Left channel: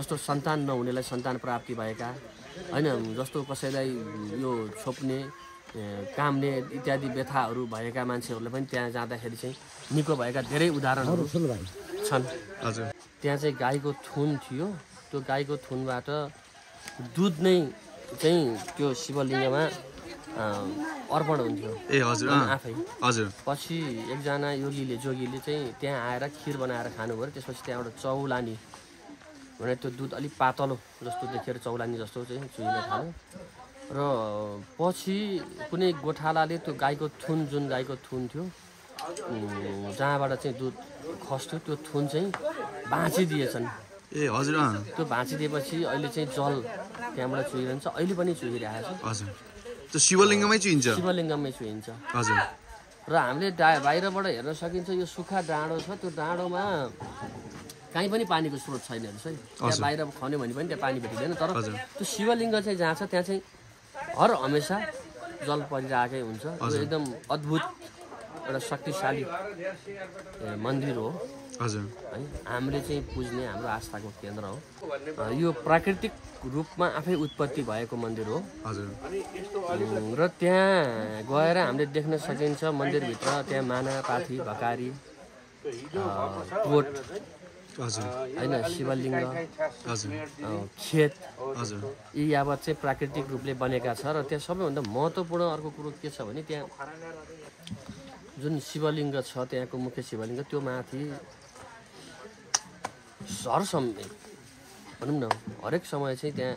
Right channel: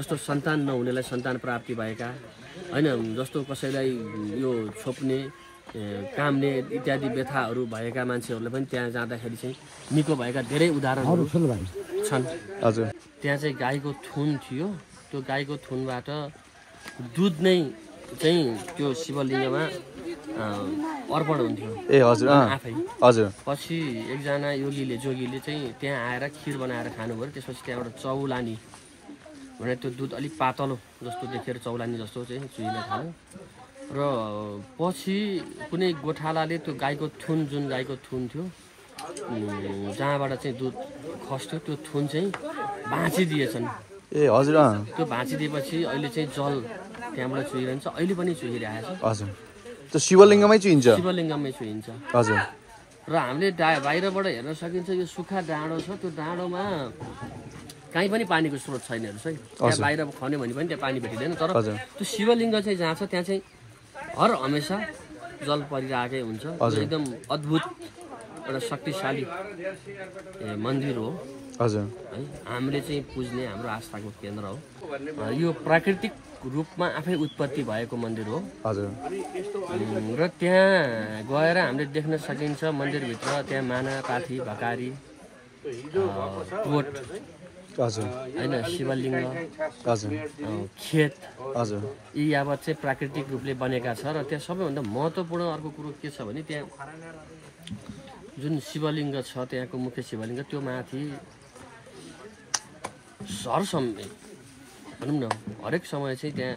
जस्तो सन्तान नहुनेलाई सन्तान प्राप्ति भएका हैन, जस्तो कसैलाई यो छोप्ने कामले इत्यादि व्यथाहरू भएका मान्छेहरूले पनि त्यहाँ जाँदाखेरि चाहिँ निको भएका धेरै उदाहरणहरू छन्। हजुर त्यहाँ चाहिँ गाईको थुन थियो, त्यो गाईको थुनबाट दुध नै चाहिँ त्यो शिवलिङ्गमा अर्पण हुन्थ्यो। ए हजुर आफै हजुर पछि एकजना जोगीले चाहिँ त्यहाँ आएर खिर बनाएर खानुभयो। त्यसपछि त्यहाँ एउटा चौलानी भने त्यो दुध अलिक पातलो जस्तो देखेर चौलानी जस्तो चाहिँ चुहिन थाल्यो र पछि कुनै गोठालाले त्यो गाईको थुन, जुन गाईको थुन थियो जहाँबाट चाहिँ दुध खस्थ्यो, त्यो थुन चाहिँ भाँचिदिएछन्। ए हजुर त्यो भाँचिदिएपछि अहिले चाहिँ जल त्यहाँबाट चुहिरहन्छ, अहिले पनि चुहिरहेको छ। हजुर त्यो शिवलिङ्गमै चुहिन्छ, शिवलिङ्गमै चुहिन्छ। हजुर र हामीले बाहिरबाट हेर्न सकिन्छ यो सुक्खा डाँडो छ, त्यो डाँडोमा कहीँ पनि पानीको स्रोत छैन हेर्नुहोस् है। त्यहाँ बाहिर खन्यो भने पनि त्यहाँ पानी भेटिँदैन, तर त्यो शिवलिङ्ग चाहिँ जहाँ छ त्यहाँ चाहिँ हर हमेसा जल परिरहेकै हुन्छ। एकदम अद्भुत एउटा शक्तिशाली मन्दिर हो हजुर है, हामीले चाहिँ पुज्ने हाम्रो आस्थाको केन्द्र हो। यो प्राकृतिक रूपमा आफै उत्पत्ति भएको मन्दिर हो हजुर र त्यहाँ गएर हामीले देख्न सकिन्छ मन्दिरभित्र त्यहाँ माना, पाथी, भकारी, पोट हजुर हैन, शिवलिङ्ग, हजुर खेत, हजुर यी यावत चाहिँ प्राकृतिक रूपले बनेका छ। र त्यहाँ सबैभन्दा महत्त्वपूर्ण अर्को कुरो के छ भने त्यहाँ जुन शिवलिङ्ग छ, त्यहाँको मुख्य शिवलिङ्ग, त्यो माथि हर समय भनौँ न हरेक समय चाहिँ त्यहाँ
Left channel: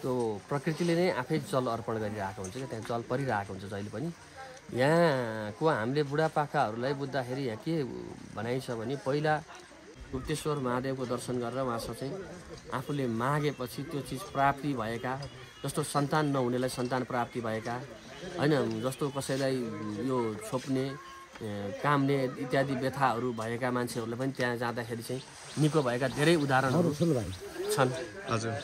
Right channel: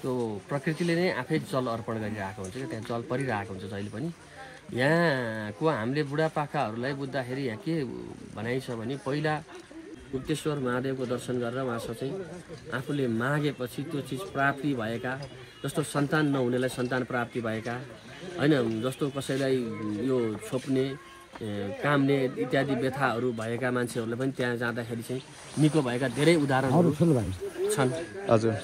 त्यो प्रकृतिले नै आफै जल अर्पण गरिरहेको हुन्छ क्या, त्यहाँ जल परिरहेको हुन्छ जहिले पनि। यहाँको हामीले बुढापाकाहरूलाई बुझ्दाखेरि यहाँ के भनाइ छ भने पहिला गुप्तेश्वर महादेवको दर्शन गरेर उहाँसँग चाहिँ आफूले मागेपछि त्यो चिज प्राप्ति भएका, जस्तो सन्तान नहुनेलाई सन्तान प्राप्ति भएका हैन, जस्तो कसैलाई यो छोप्ने कामले इत्यादि व्यथाहरू भएका मान्छेहरूले पनि त्यहाँ जाँदाखेरि चाहिँ निको भएका धेरै उदाहरणहरू छन्। हजुर